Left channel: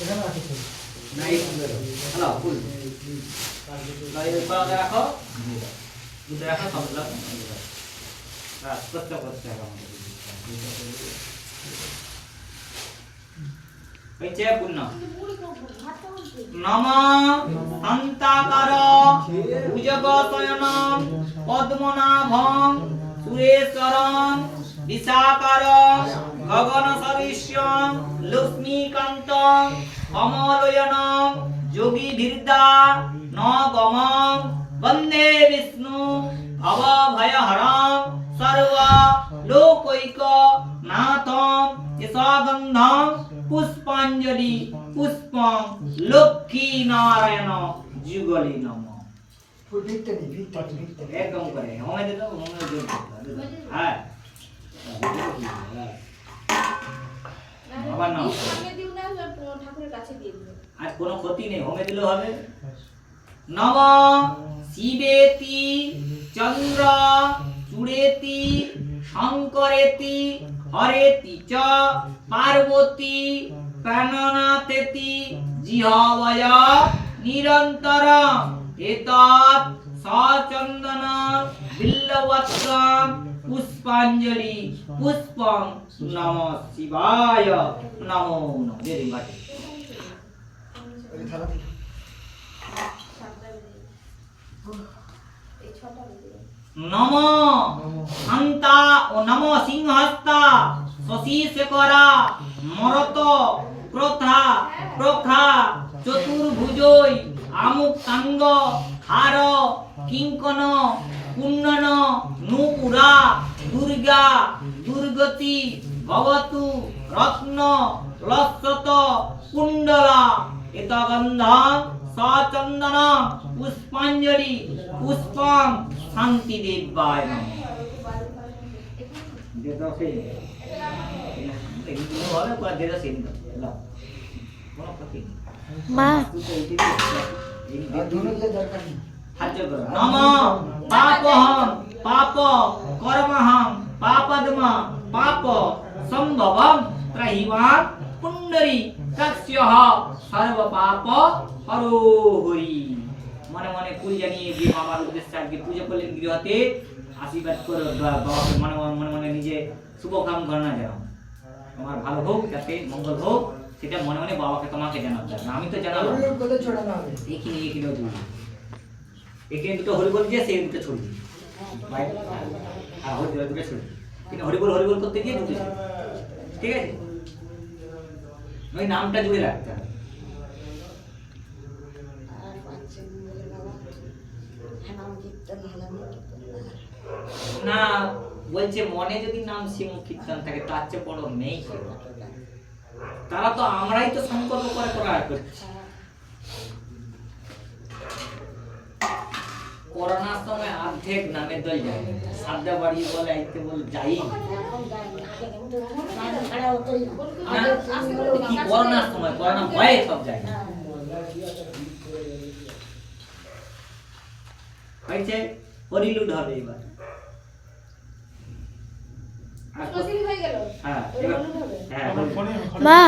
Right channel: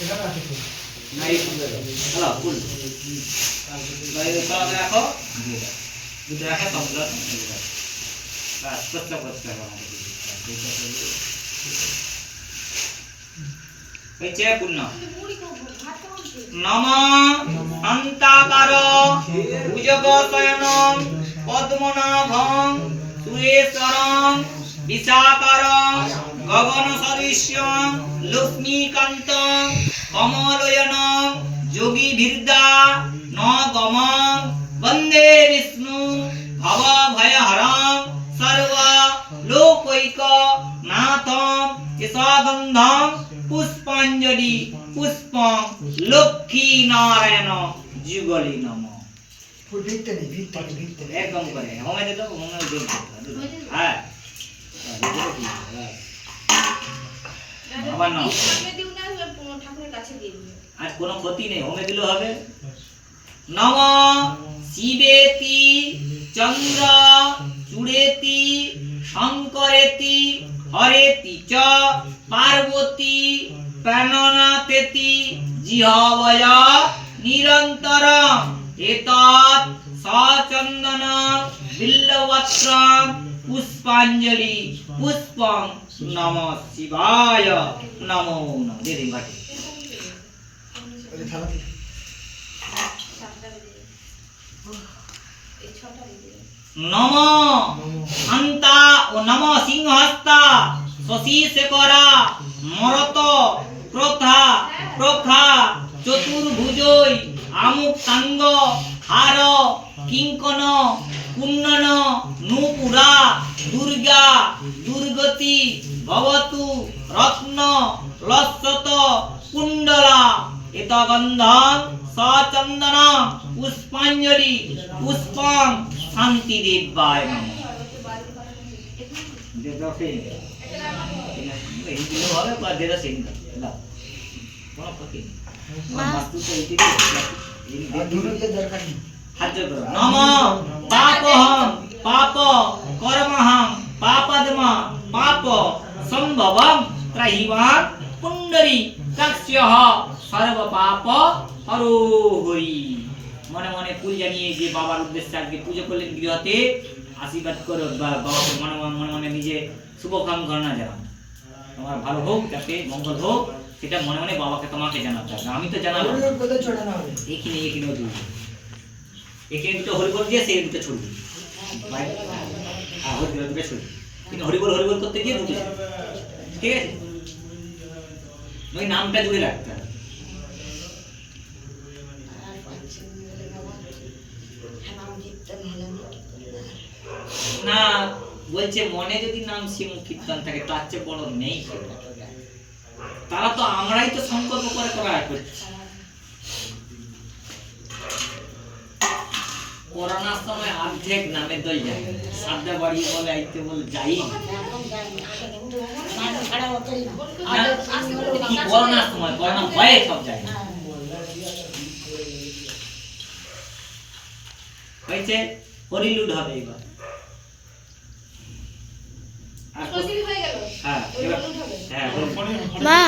এখানে আছে ফুল না এই ফুল হ্যালো ফুল লয় দেখো দুটো দেখো সবগুলো বাস কষ্ট করতে হবে আমাদের হয়েছে পূর্ণ নম অন্তাকার ভুজগশয়ন পদ্মনাভং সুরেশ্বরং বিশাকারং গগন সদৃশ্যং লক্ষ্মীকান্তং কমলয়নং যোগী ধীর্দা ন গমং বন্দে বিষ্ণু ভব ভয়হরং সর্ব লোকৈক নাথং কেশগন্ধং পুষ্পাঞ্জলি পুষ্পং লক্ষ্মী নারায়ণ যুগলি নম ফুল ভিতরে ভিতরে একদম করে হোমে দে দাও হোমে দে হ্যাঁ আবার নাও ঠাকুরের কাছে দিয়ে দিও আর কোনো ক্ষতি নেই হোমে দিলে হবে নম শিবেতি চন্দ্র চূড়েতি শঙ্করেতি হরেতি চ পার্বতী প্রাণনাথেতি জিহবয় নিরন্তরং এতৎ সচন্দন বিল্লবত্রং পুষ্পাঞ্জলি পুষ্পং নমঃ শিবায় নমো নমঃ দে দিন ঘাটে ওই থালা কি নম হন্তা ও নম সিংহস্তা শশী শেখরা মরত ক্রোধা প্রখা চতুর্ভুজই আমুক্তাঙ্গ হার কিঙ্কন কুন্নন নূপুরা দুর্গা দুর্গতি ভবতু রত্ন লসত কুণ্ডলা এতগন্ধং সচন্দন পুষ্পাঞ্জলি পুষ্পং শান্তি দেবায় নমঃ দে দাও সেই এই দিন হবে পর দে দাও সেই দাও কোনো ক্ষতি মা বাস্তুতে এই দিকে আর দুটো দিয়ে দরকার নেই হাত জোড় করো নম পাপহং পাপ কর্মহং পাপদ্ম পাপ সম্ভবং ত্রহিমাং পুণ্ডরী কাক্ষ্যঃ সর্ব পাপ হরো হরি মনে মনে ফুল জানিয়ে যে বাবার উদ্দেশ্যে আজকে পুজো করলেন গৃহতে আশীর্বাদ করো বাবাকে মনে মনে মনে নিজে শুভ কাম ঘটনা জানাও তোমার ভালো হোক যাতে মঙ্গল হোক সেটা মনে মনে বাবাকে তোমাকে জানাতে হবে আমি তো জানালাম ওই কোথায় ছড়ানো হবে এখানেও দিবি এখানে দুটো হরিবল দিয়ে সেই দুটো ছড়বি ভাই হ্যাঁ হরিবল দুটো ছড়বি কিন্তু হরিবল করতে গিয়ে দুটো ছড়বি ঠিক আছে ওই নামটা জুড়ে রাখতে হবে না বলছে মনে যদি নাম শিব কীর্তন থাকে তার চেয়ে বড় নেই তারা তো আমরাই তো সংকল্প করে করা করছি করোনার সময় অর্ধেক নামে দল যায় সাদা বাড়ি বলে আইতে বলে যাই কি করোনার সময় করোনা ভয়ে সব যায় হয়েছে হরিলুড হবে এবার হয়ে গেল হ্যাঁ হয়ে গেল হ্যাঁ মা